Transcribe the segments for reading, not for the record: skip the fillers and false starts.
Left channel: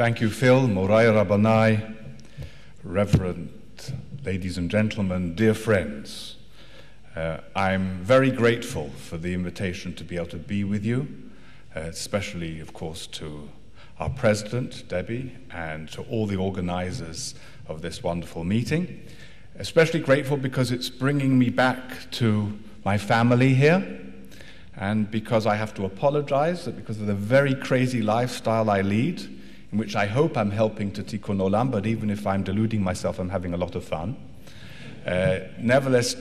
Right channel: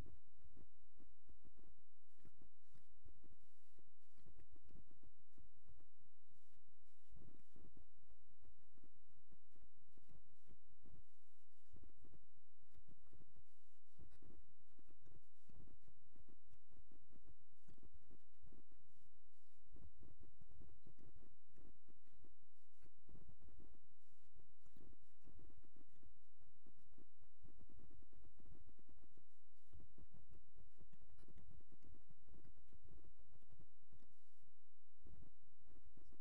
Thank you, Phil, Morai Rabbanai, Reverend ladies and gentlemen, dear friends. I'm very grateful for the invitation to be able to be with you, especially, of course, to our president, Debbie, and to all the organizers of this wonderful meeting. Especially grateful because it's bringing me back to my family here, and because I have to apologize that because of the very crazy lifestyle I lead, in which I hope I'm helping to tikkun olam, but even if I'm deluding myself, I'm having a lot of fun. Nevertheless,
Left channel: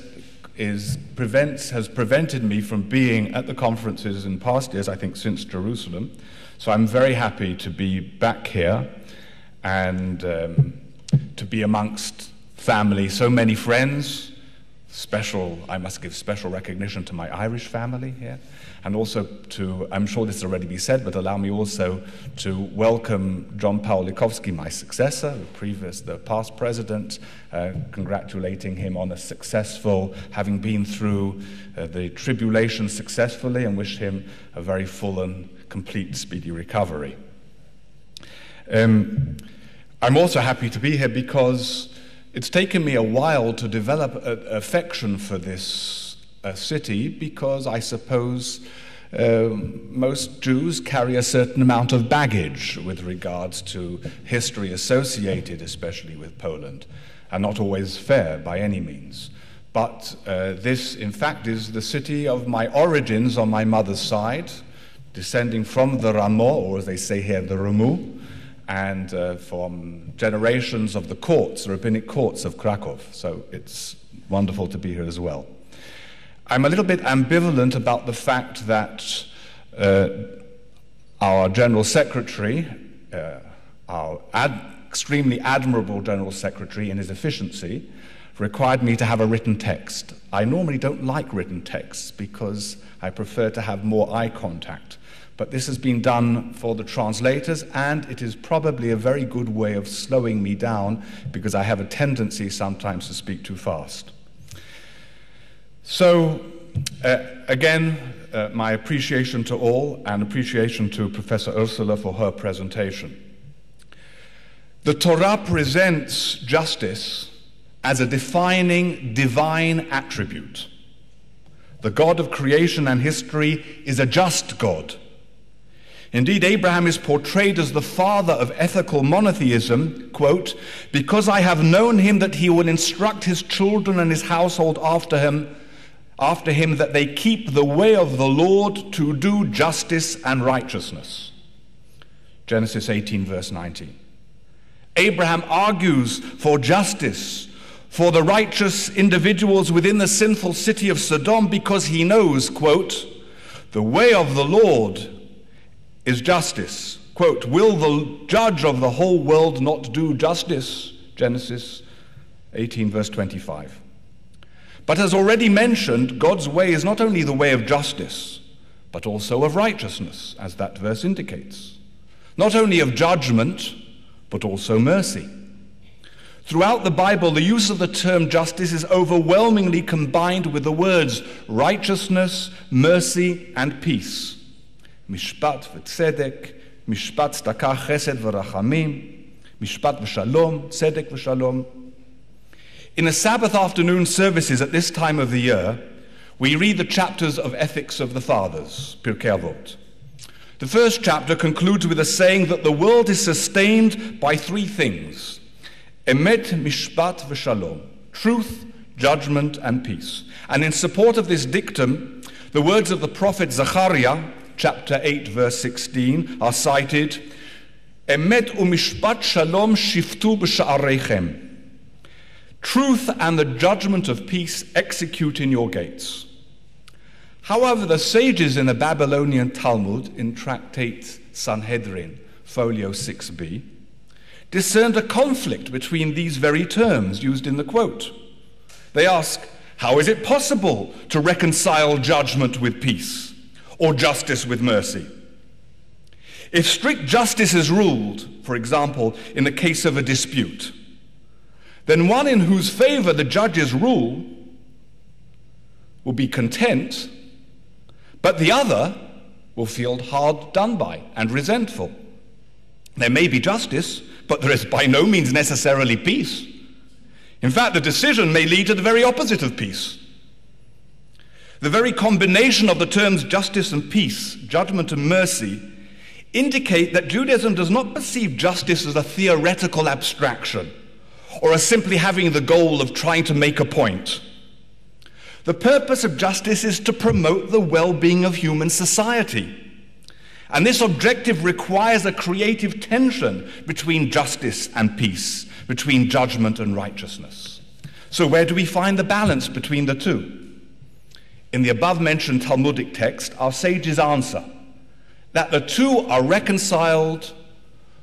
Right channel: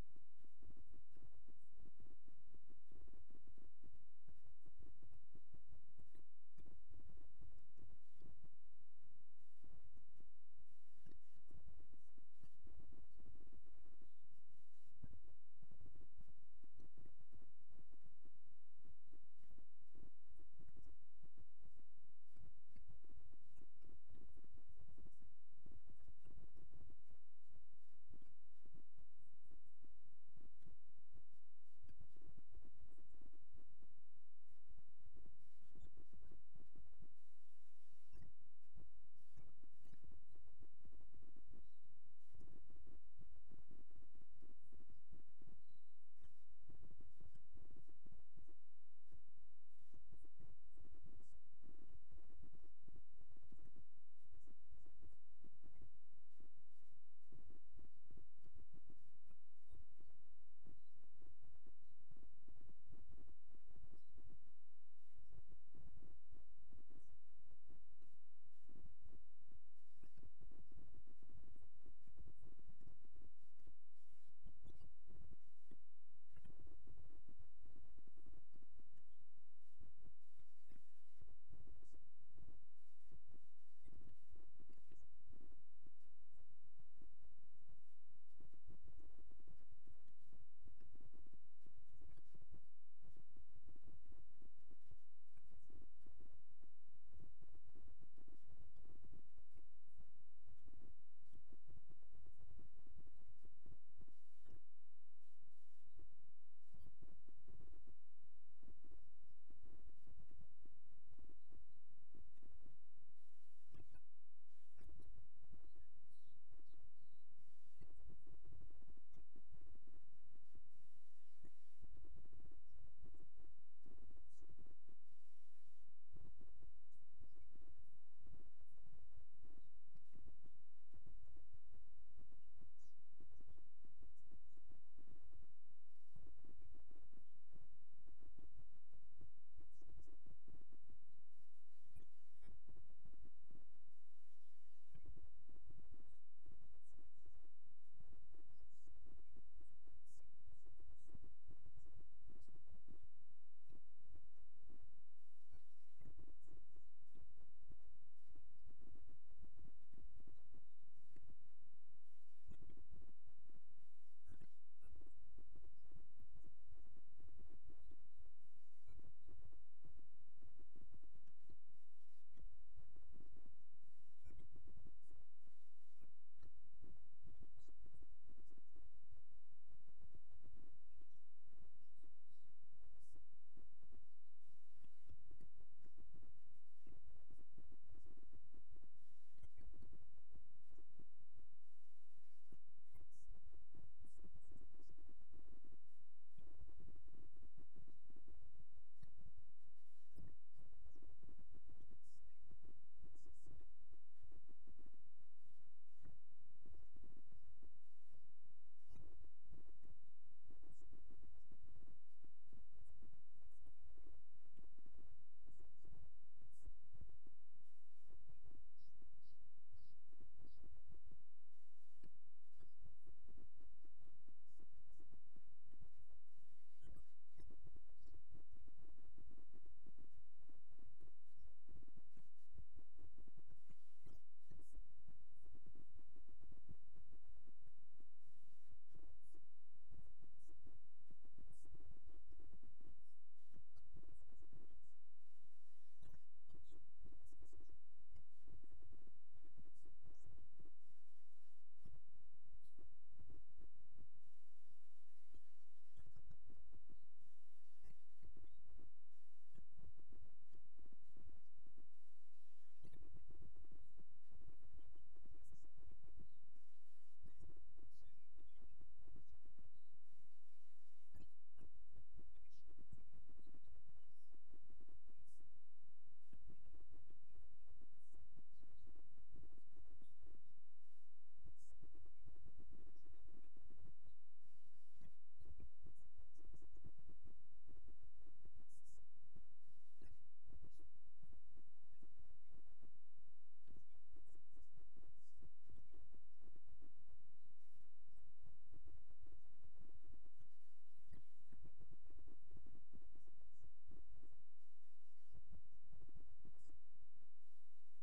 has prevented me from being at the conferences in past years, I think since Jerusalem. So I'm very happy to be back here and to be amongst family, so many friends. I must give special recognition to my Irish family here, and also to, I'm sure this has already been said, but allow me also to welcome John Paul Likowski, my successor, the past president, congratulating him on a successful, having been through the tribulation successfully, and wish him a very full and complete, speedy recovery. I'm also happy to be here because it's taken me a while to develop an affection for this city, because I suppose most Jews carry a certain amount of baggage with regards to history associated especially with Poland, and not always fair by any means. But this, in fact, is the city of my origins on my mother's side, descending from the Ramo, or as they say here, the Ramu, and from generations of the courts, the rabbinic courts of Krakow. So it's wonderful to be here as well. I'm a little bit ambivalent about the fact that our General Secretary, our extremely admirable General Secretary in his efficiency, required me to have a written text. I normally don't like written texts because I prefer to have more eye contact. But this has been done for the translators, and it is probably a very good way of slowing me down because I have a tendency sometimes to speak too fast. So, again, my appreciation to all, and appreciation to Professor Ursula for her presentation. The Torah presents justice as a defining divine attribute. The God of creation and history is a just God. Indeed, Abraham is portrayed as the father of ethical monotheism, quote, because I have known him that he will instruct his children and his household after him that they keep the way of the Lord to do justice and righteousness. Genesis 18, verse 19. Abraham argues for justice for the righteous individuals within the sinful city of Sodom because he knows, quote, the way of the Lord is justice. Quote, will the judge of the whole world not do justice? Genesis 18, verse 25. But as already mentioned, God's way is not only the way of justice, but also of righteousness, as that verse indicates. Not only of judgment, but also mercy. Throughout the Bible, the use of the term justice is overwhelmingly combined with the words righteousness, mercy, and peace. Mishpat v'tzedek, mishpat tzedakah, chesed v'rachamim, mishpat v'shalom, tzedek v'shalom. In the Sabbath afternoon services at this time of the year, we read the chapters of Ethics of the Fathers, Pirkei Avot. The first chapter concludes with a saying that the world is sustained by three things: emet, mishpat v'shalom, truth, judgment, and peace. And in support of this dictum, the words of the prophet Zechariah, chapter 8, verse 16, are cited, Emet u'mishpat shalom shiftu b'sha'areichem. Truth and the judgment of peace execute in your gates. However, the sages in the Babylonian Talmud, in Tractate Sanhedrin, folio 6b, discerned a conflict between these very terms used in the quote. They ask, how is it possible to reconcile judgment with peace, or justice with mercy? If strict justice is ruled, for example, in the case of a dispute, then one in whose favor the judges rule will be content, but the other will feel hard done by and resentful. There may be justice, but there is by no means necessarily peace. In fact, the decision may lead to the very opposite of peace. The very combination of the terms justice and peace, judgment and mercy, indicate that Judaism does not perceive justice as a theoretical abstraction or as simply having the goal of trying to make a point. The purpose of justice is to promote the well-being of human society. And this objective requires a creative tension between justice and peace, between judgment and righteousness. So where do we find the balance between the two? In the above-mentioned Talmudic text, our sages answer that the two are reconciled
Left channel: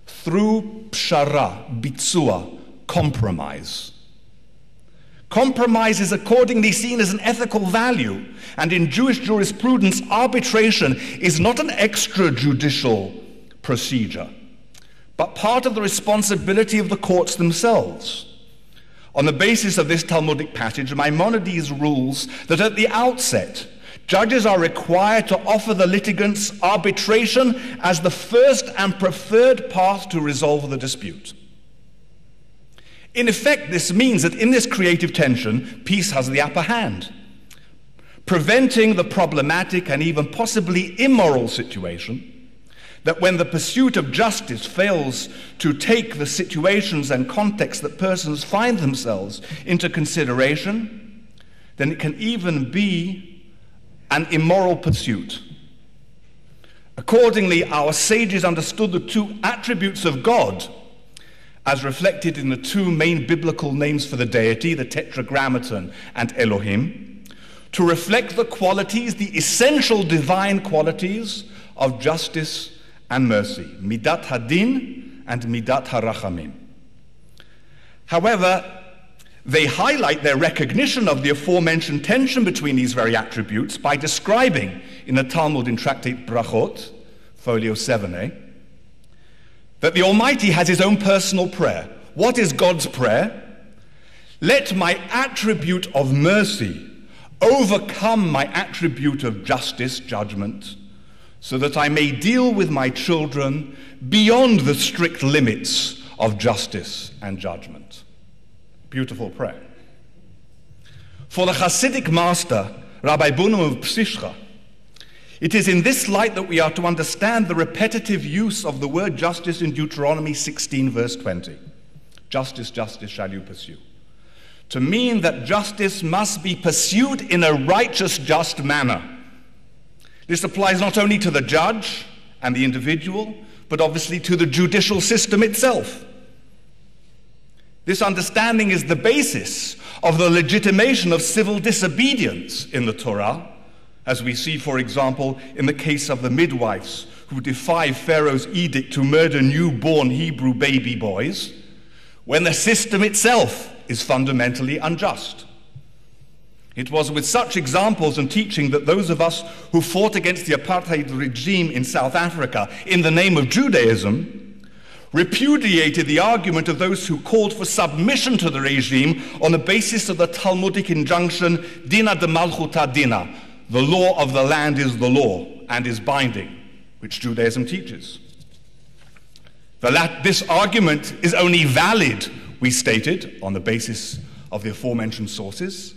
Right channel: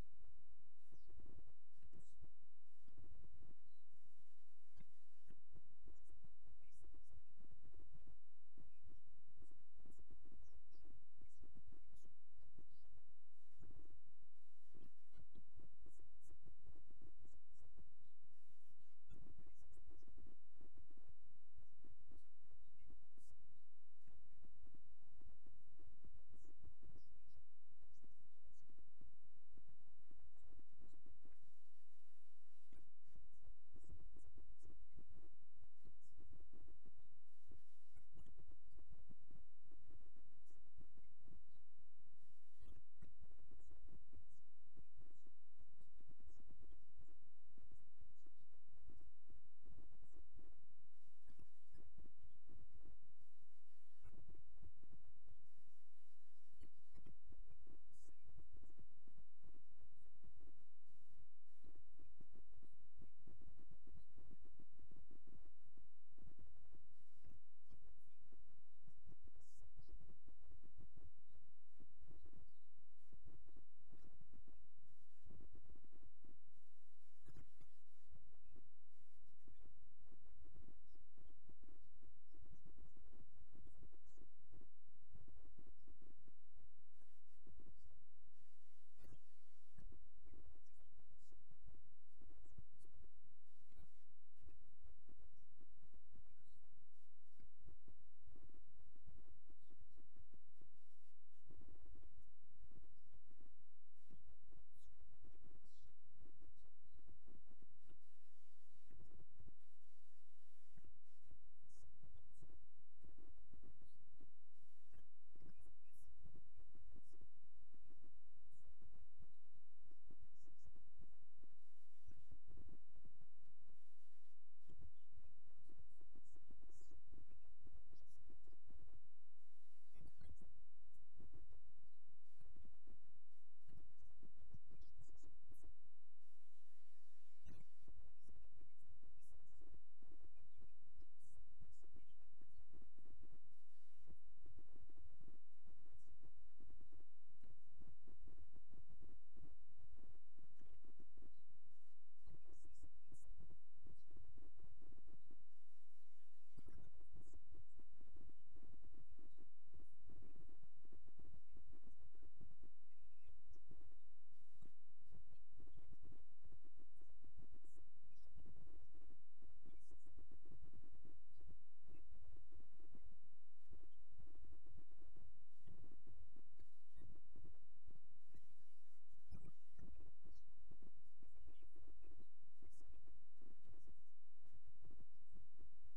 through pshara, bitzua, compromise. Compromise is accordingly seen as an ethical value, and in Jewish jurisprudence, arbitration is not an extrajudicial procedure, but part of the responsibility of the courts themselves. On the basis of this Talmudic passage, Maimonides rules that at the outset, judges are required to offer the litigants arbitration as the first and preferred path to resolve the dispute. In effect, this means that in this creative tension, peace has the upper hand, preventing the problematic and even possibly immoral situation that when the pursuit of justice fails to take the situations and contexts that persons find themselves into consideration, then it can even be an immoral pursuit. Accordingly, our sages understood the two attributes of God as reflected in the two main biblical names for the deity, the Tetragrammaton and Elohim, to reflect the qualities, the essential divine qualities of justice and mercy, Midat Hadin and Midat Harachamim. However, they highlight their recognition of the aforementioned tension between these very attributes by describing in the Talmud in Tractate Brachot, folio 7a, that the Almighty has his own personal prayer. What is God's prayer? Let my attribute of mercy overcome my attribute of justice, judgment, so that I may deal with my children beyond the strict limits of justice and judgment. Beautiful prayer. For the Hasidic master, Rabbi Bunam of Psishcha, it is in this light that we are to understand the repetitive use of the word justice in Deuteronomy 16, verse 20. Justice, justice shall you pursue. To mean that justice must be pursued in a righteous, just manner. This applies not only to the judge and the individual, but obviously to the judicial system itself. This understanding is the basis of the legitimation of civil disobedience in the Torah, as we see, for example, in the case of the midwives who defy Pharaoh's edict to murder newborn Hebrew baby boys, when the system itself is fundamentally unjust. It was with such examples and teaching that those of us who fought against the apartheid regime in South Africa in the name of Judaism repudiated the argument of those who called for submission to the regime on the basis of the Talmudic injunction, Dina de Malchuta Dina, the law of the land is the law and is binding, which Judaism teaches. This argument is only valid, we stated, on the basis of the aforementioned sources,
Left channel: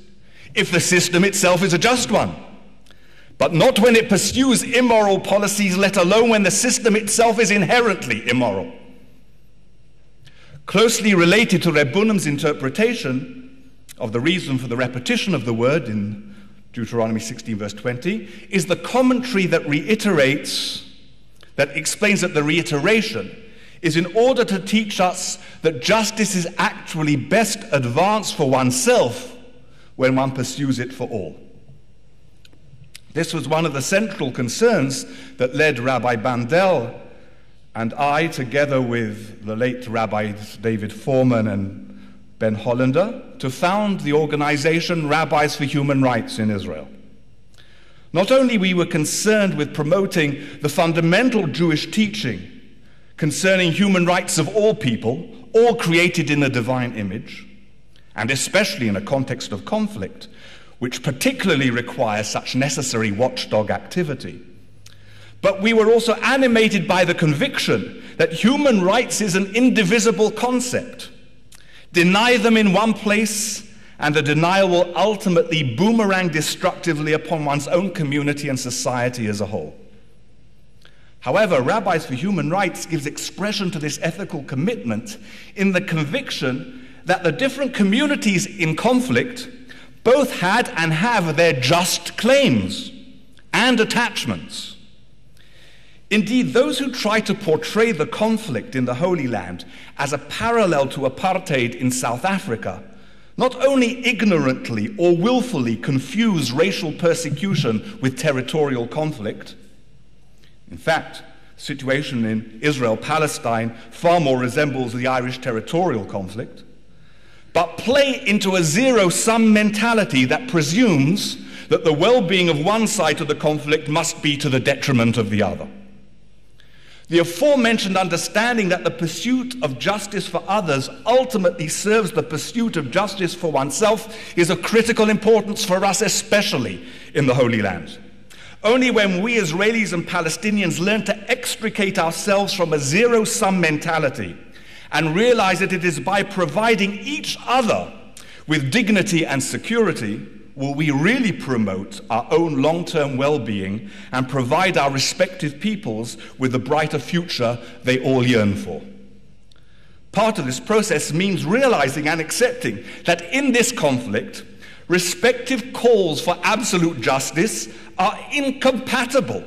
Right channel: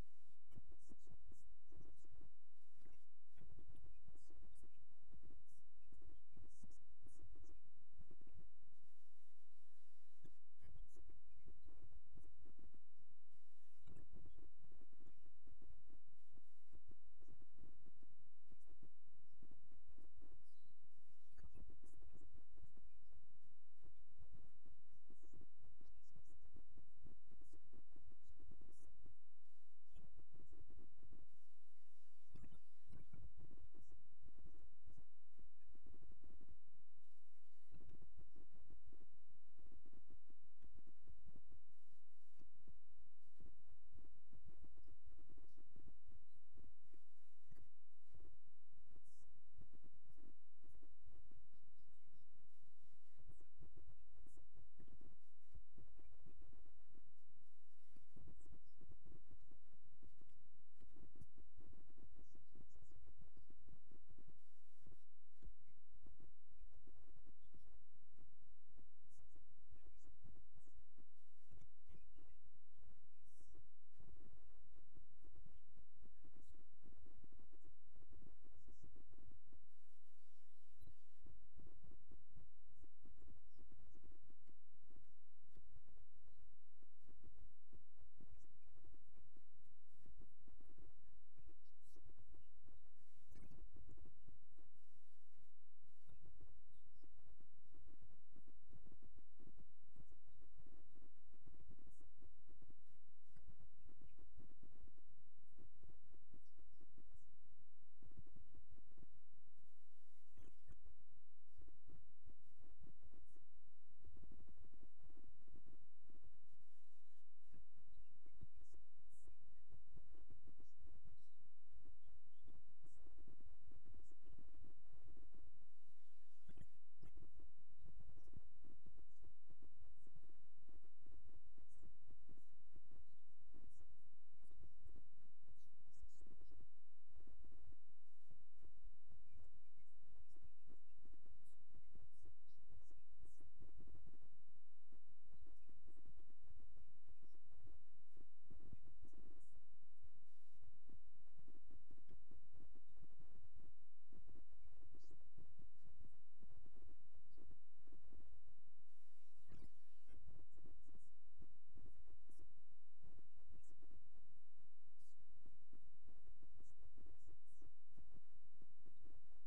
if the system itself is a just one, but not when it pursues immoral policies, let alone when the system itself is inherently immoral. Closely related to Reb Bunam's interpretation of the reason for the repetition of the word in Deuteronomy 16, verse 20, is the commentary that explains that the reiteration is in order to teach us that justice is actually best advanced for oneself when one pursues it for all. This was one of the central concerns that led Rabbi Bandel and I, together with the late Rabbi David Foreman and Ben Hollander, to found the organization Rabbis for Human Rights in Israel. Not only we were concerned with promoting the fundamental Jewish teaching concerning human rights of all people, all created in the divine image, and especially in a context of conflict, which particularly requires such necessary watchdog activity, but we were also animated by the conviction that human rights is an indivisible concept. Deny them in one place, and the denial will ultimately boomerang destructively upon one's own community and society as a whole. However, Rabbis for Human Rights gives expression to this ethical commitment in the conviction that the different communities in conflict both had and have their just claims and attachments. Indeed, those who try to portray the conflict in the Holy Land as a parallel to apartheid in South Africa not only ignorantly or willfully confuse racial persecution with territorial conflict. In fact, the situation in Israel-Palestine far more resembles the Irish territorial conflict, but play into a zero-sum mentality that presumes that the well-being of one side of the conflict must be to the detriment of the other. The aforementioned understanding that the pursuit of justice for others ultimately serves the pursuit of justice for oneself is of critical importance for us, especially in the Holy Land. Only when we Israelis and Palestinians learn to extricate ourselves from a zero-sum mentality and realize that it is by providing each other with dignity and security will we really promote our own long-term well-being and provide our respective peoples with the brighter future they all yearn for. Part of this process means realizing and accepting that in this conflict, respective calls for absolute justice are incompatible,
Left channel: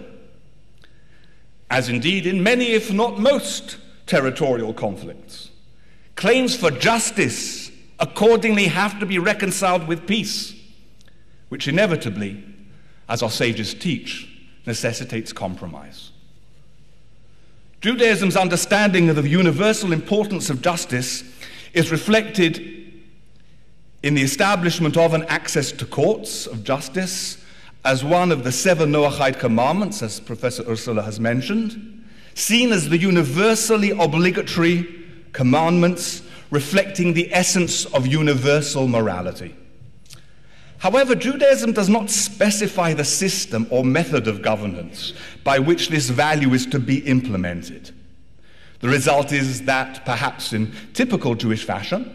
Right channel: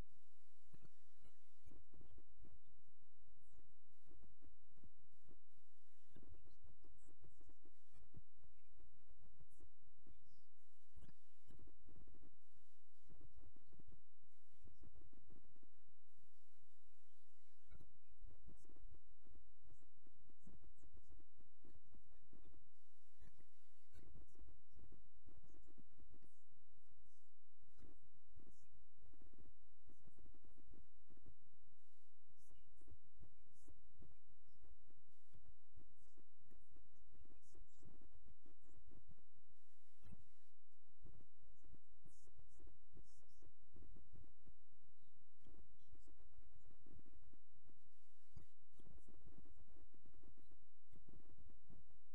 as indeed in many, if not most, territorial conflicts. Claims for justice accordingly have to be reconciled with peace, which inevitably, as our sages teach, necessitates compromise. Judaism's understanding of the universal importance of justice is reflected in the establishment of an access to courts of justice as one of the 7 Noahide commandments, as Professor Ursula has mentioned, seen as the universally obligatory commandments reflecting the essence of universal morality. However, Judaism does not specify the system or method of governance by which this value is to be implemented. The result is that, perhaps in typical Jewish fashion,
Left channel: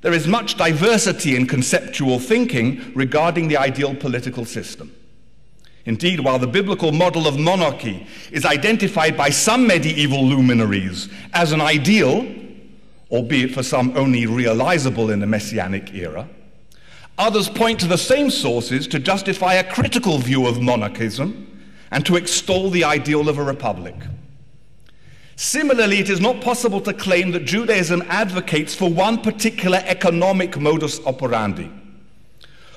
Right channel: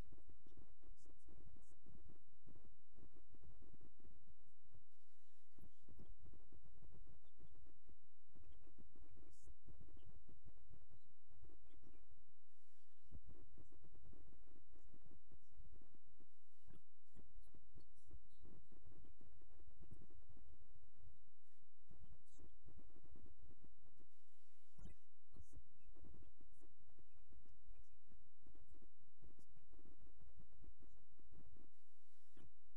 there is much diversity in conceptual thinking regarding the ideal political system. Indeed, while the biblical model of monarchy is identified by some medieval luminaries as an ideal, albeit for some only realizable in the Messianic era, others point to the same sources to justify a critical view of monarchism and to extol the ideal of a republic. Similarly, it is not possible to claim that Judaism advocates for one particular economic modus operandi.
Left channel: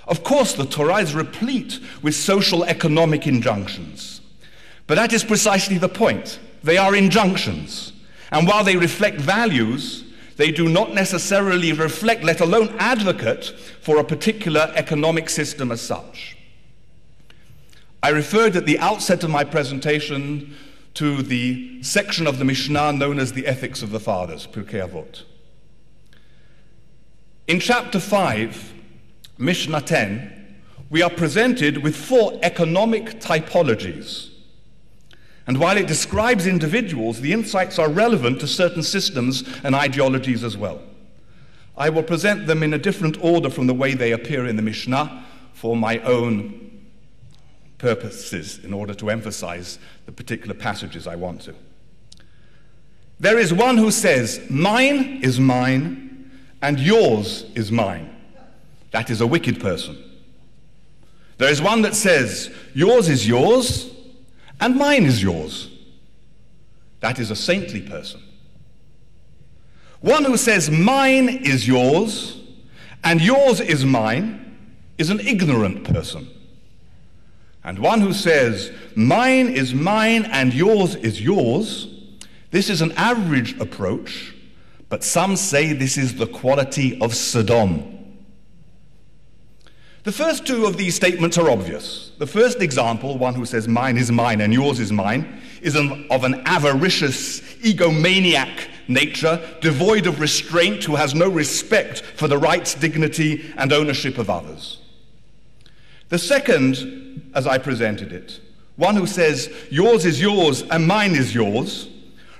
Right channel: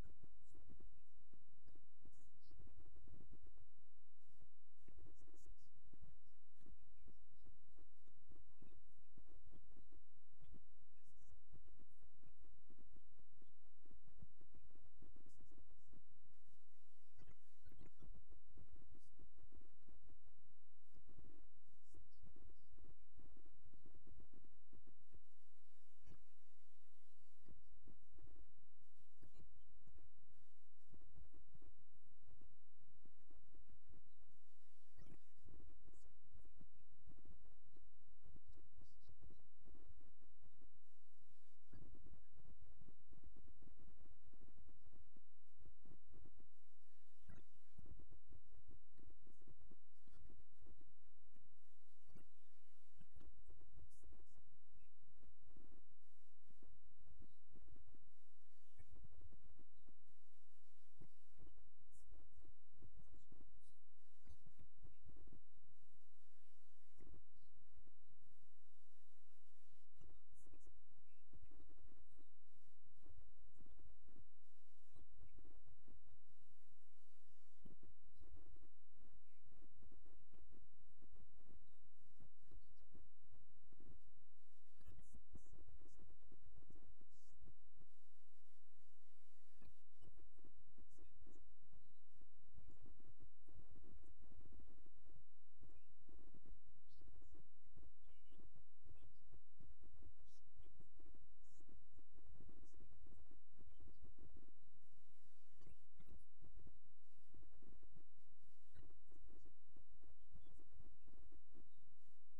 Of course, the Torah is replete with social economic injunctions, but that is precisely the point. They are injunctions, and while they reflect values, they do not necessarily reflect, let alone advocate, for a particular economic system as such. I referred at the outset of my presentation to the section of the Mishnah known as the Ethics of the Fathers, Pirkei Avot. In chapter 5, Mishnah 10, we are presented with 4 economic typologies. And while it describes individuals, the insights are relevant to certain systems and ideologies as well. I will present them in a different order from the way they appear in the Mishnah for my own purposes, in order to emphasize the particular passages I want to. There is one who says, "Mine is mine, and yours is mine." That is a wicked person. There is one that says, "Yours is yours, and mine is yours." That is a saintly person. One who says, "Mine is yours, and yours is mine," is an ignorant person. And one who says, "Mine is mine, and yours is yours," this is an average approach, but some say this is the quality of Sodom. The first 2 of these statements are obvious. The first example, one who says mine is mine and yours is mine, is of an avaricious, egomaniac nature, devoid of restraint, who has no respect for the rights, dignity, and ownership of others. The second, as I presented it, one who says yours is yours and mine is yours,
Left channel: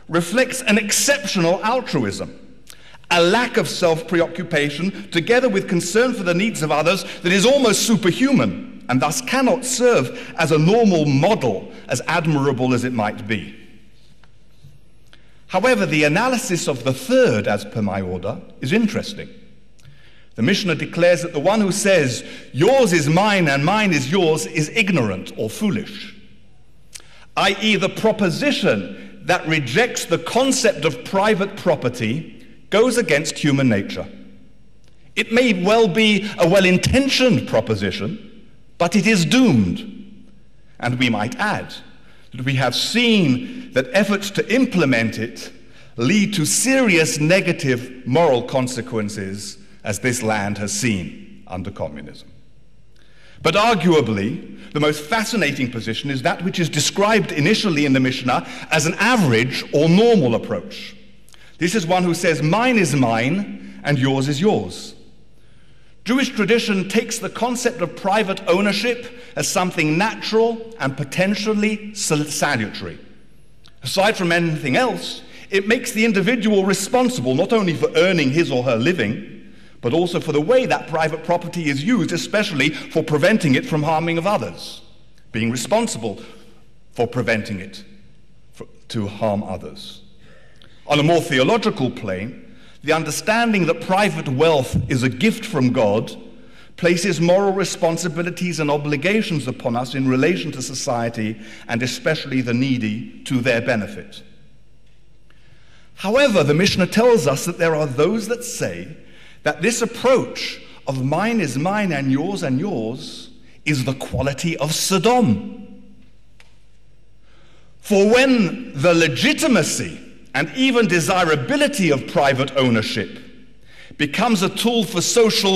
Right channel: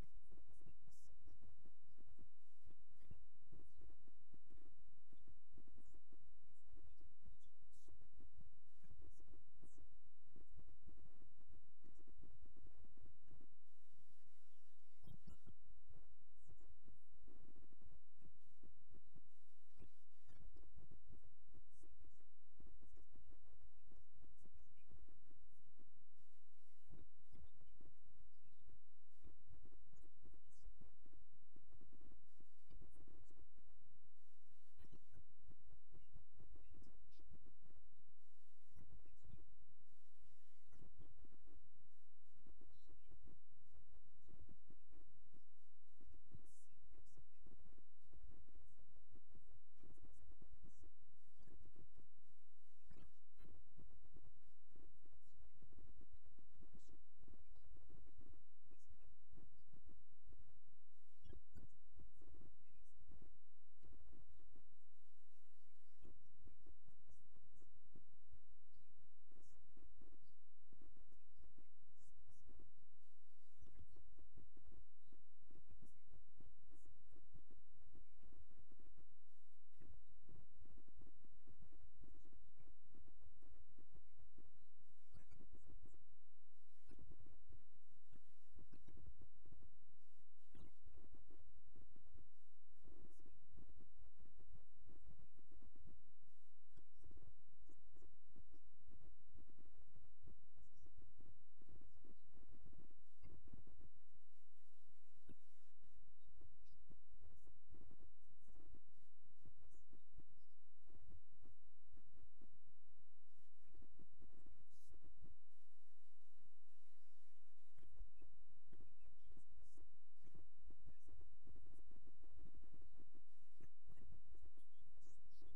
reflects an exceptional altruism, a lack of self-preoccupation together with concern for the needs of others that is almost superhuman and thus cannot serve as a normal model, as admirable as it might be. However, the analysis of the third, as per my order, is interesting. The Mishnah declares that the one who says, yours is mine and mine is yours, is ignorant or foolish, i.e. the proposition that rejects the concept of private property goes against human nature. It may well be a well-intentioned proposition, but it is doomed. And we might add that we have seen that efforts to implement it lead to serious negative moral consequences, as this land has seen under communism. But arguably, the most fascinating position is that which is described initially in the Mishnah as an average or normal approach. This is one who says, mine is mine and yours is yours. Jewish tradition takes the concept of private ownership as something natural and potentially salutary. Aside from anything else, it makes the individual responsible not only for earning his or her living, but also for the way that private property is used, especially for preventing it from harming of others, being responsible for preventing it to harm others. On a more theological plane, the understanding that private wealth is a gift from God places moral responsibilities and obligations upon us in relation to society and especially the needy to their benefit. However, the Mishnah tells us that there are those that say that this approach of mine is mine and yours is the quality of Sodom. For when the legitimacy and even desirability of private ownership becomes a tool for social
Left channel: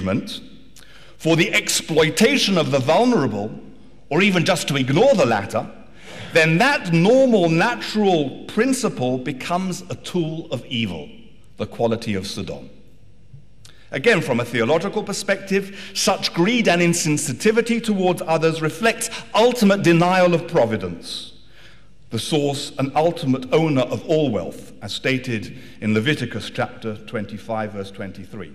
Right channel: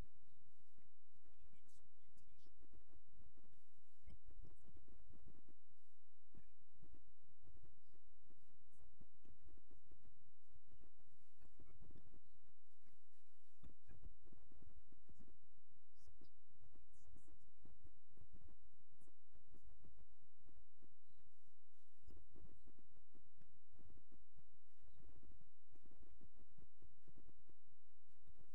punishment for the exploitation of the vulnerable, or even just to ignore the latter, then that normal, natural principle becomes a tool of evil, the quality of Sodom. Again, from a theological perspective, such greed and insensitivity towards others reflects ultimate denial of providence, the source and ultimate owner of all wealth, as stated in Leviticus chapter 25, verse 23.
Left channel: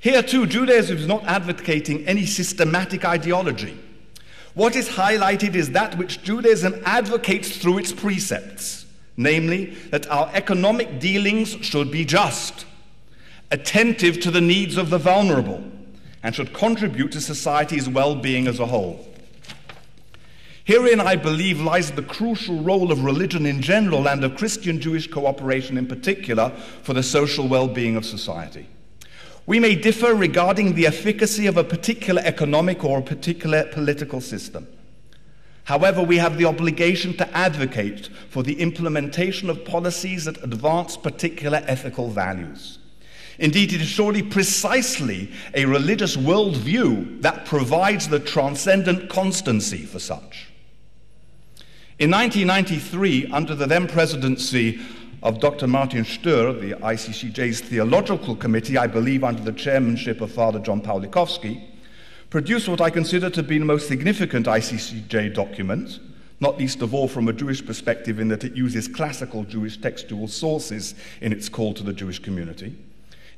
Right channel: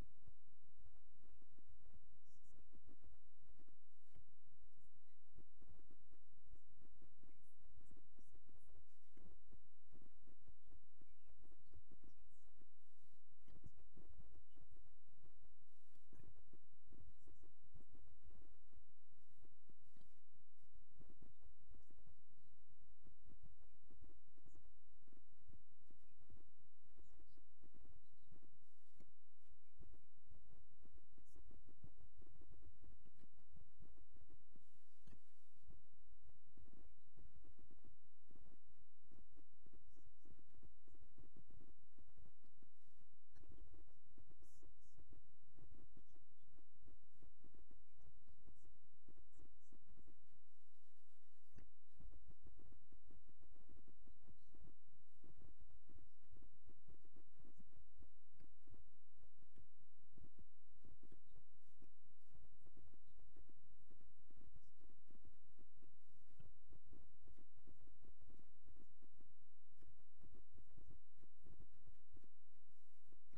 Here too, Judaism is not advocating any systematic ideology. What is highlighted is that which Judaism advocates through its precepts, namely that our economic dealings should be just, attentive to the needs of the vulnerable, and should contribute to society's well-being as a whole. Herein, I believe, lies the crucial role of religion in general and of Christian-Jewish cooperation in particular for the social well-being of society. We may differ regarding the efficacy of a particular economic or a particular political system. However, we have the obligation to advocate for the implementation of policies that advance particular ethical values. Indeed, it is surely precisely a religious worldview that provides the transcendent constancy for such. In 1993, under the then presidency of Dr. Martin Stur, the ICCJ's Theological Committee, I believe under the chairmanship of Father John Pawlikowski, produced what I consider to be the most significant ICCJ document, not least of all from a Jewish perspective in that it uses classical Jewish textual sources in its call to the Jewish community,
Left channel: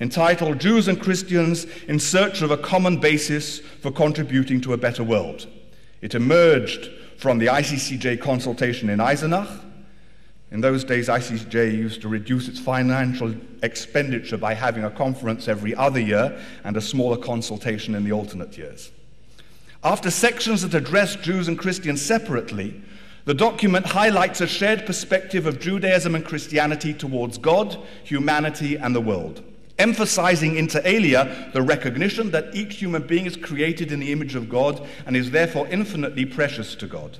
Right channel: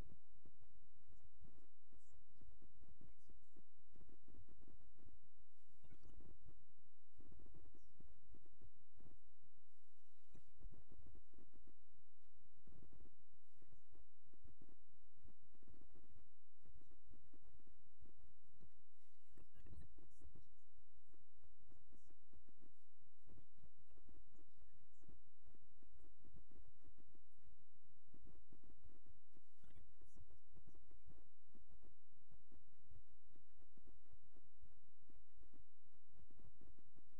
entitled Jews and Christians in Search of a Common Basis for Contributing to a Better World. It emerged from the ICCJ consultation in Eisenach. In those days, ICCJ used to reduce its financial expenditure by having a conference every other year and a smaller consultation in the alternate years. After sections that address Jews and Christians separately, the document highlights a shared perspective of Judaism and Christianity towards God, humanity, and the world, emphasizing inter alia the recognition that each human being is created in the image of God and is therefore infinitely precious to God,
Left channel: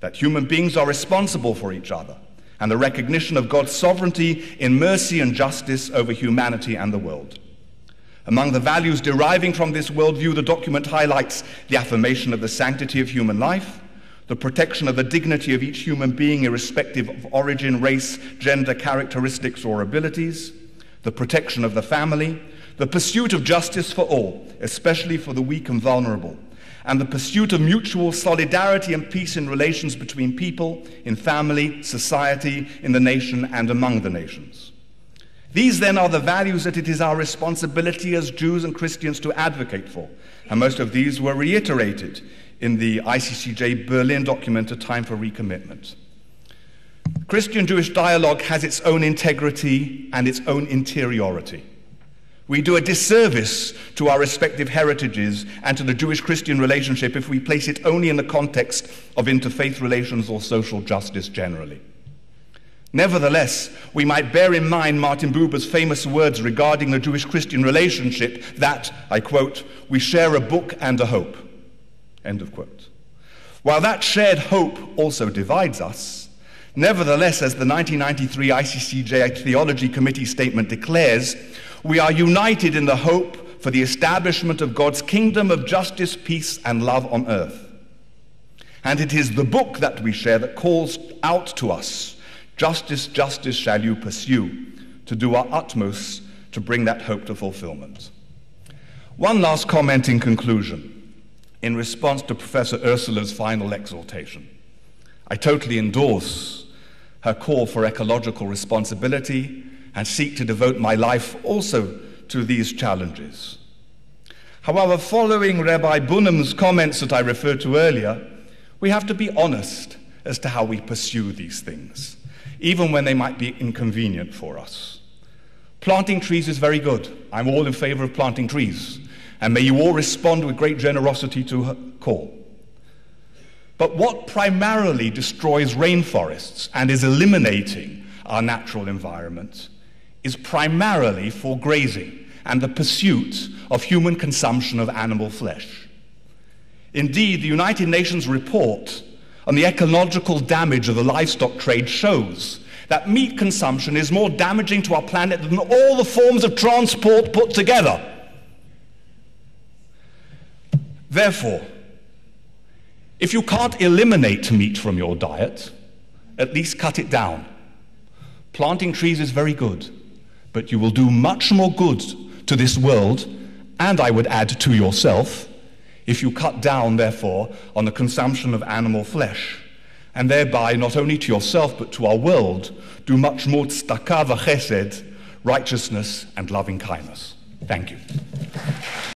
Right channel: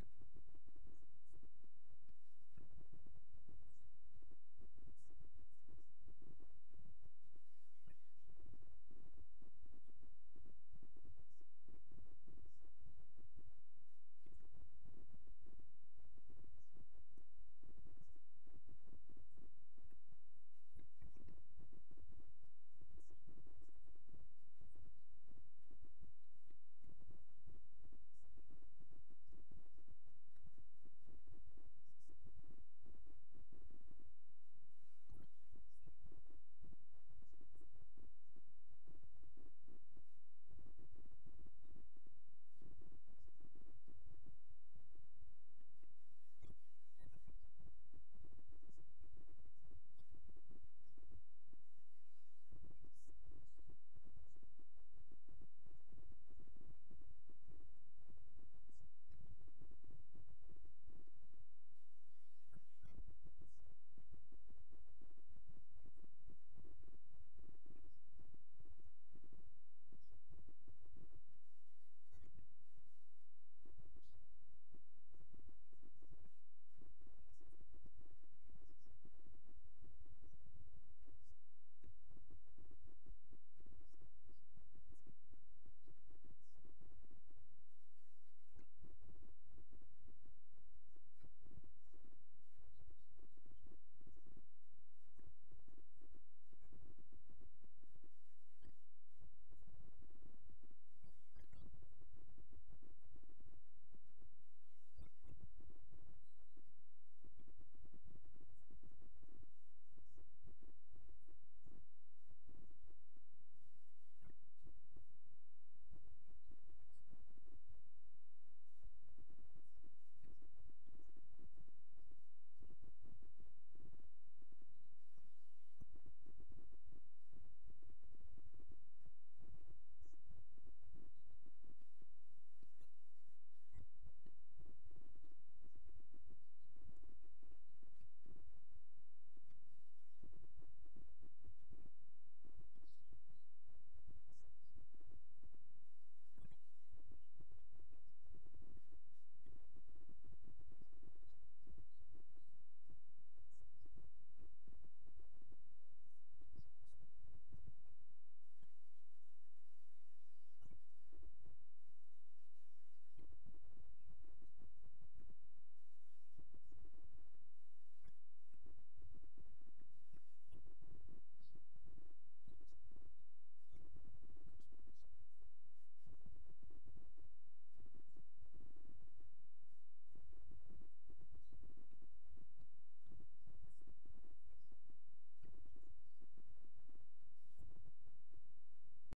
that human beings are responsible for each other, and the recognition of God's sovereignty in mercy and justice over humanity and the world. Among the values deriving from this worldview, the document highlights the affirmation of the sanctity of human life, the protection of the dignity of each human being irrespective of origin, race, gender, characteristics, or abilities, the protection of the family, the pursuit of justice for all, especially for the weak and vulnerable, and the pursuit of mutual solidarity and peace in relations between people, in family, society, in the nation, and among the nations. These, then, are the values that it is our responsibility as Jews and Christians to advocate for, and most of these were reiterated in the ICCJ Berlin document, A Time for Recommitment. Christian-Jewish dialogue has its own integrity and its own interiority. We do a disservice to our respective heritages and to the Jewish-Christian relationship if we place it only in the context of interfaith relations or social justice generally. Nevertheless, we might bear in mind Martin Buber's famous words regarding the Jewish-Christian relationship that, I quote, "we share a book and a hope," end of quote. While that shared hope also divides us, nevertheless, as the 1993 ICCJ Theology Committee statement declares, we are united in the hope for the establishment of God's kingdom of justice, peace, and love on earth. And it is the book that we share that calls out to us, "Justice, justice shall you pursue," to do our utmost to bring that hope to fulfillment. One last comment in conclusion, in response to Professor Ursula's final exhortation. I totally endorse her call for ecological responsibility and seek to devote my life also to these challenges. However, following Rabbi Bunham's comments that I referred to earlier, we have to be honest as to how we pursue these things, even when they might be inconvenient for us. Planting trees is very good. I'm all in favor of planting trees, and may you all respond with great generosity to her call. But what primarily destroys rainforests and is eliminating our natural environment is primarily for grazing and the pursuit of human consumption of animal flesh. Indeed, the United Nations report on the ecological damage of the livestock trade shows that meat consumption is more damaging to our planet than all the forms of transport put together. Therefore, if you can't eliminate meat from your diet, at least cut it down. Planting trees is very good, but you will do much more good to this world, and I would add to yourself, if you cut down, therefore, on the consumption of animal flesh, and thereby not only to yourself but to our world do much more tzedakah v'chesed, righteousness and loving kindness. Thank you.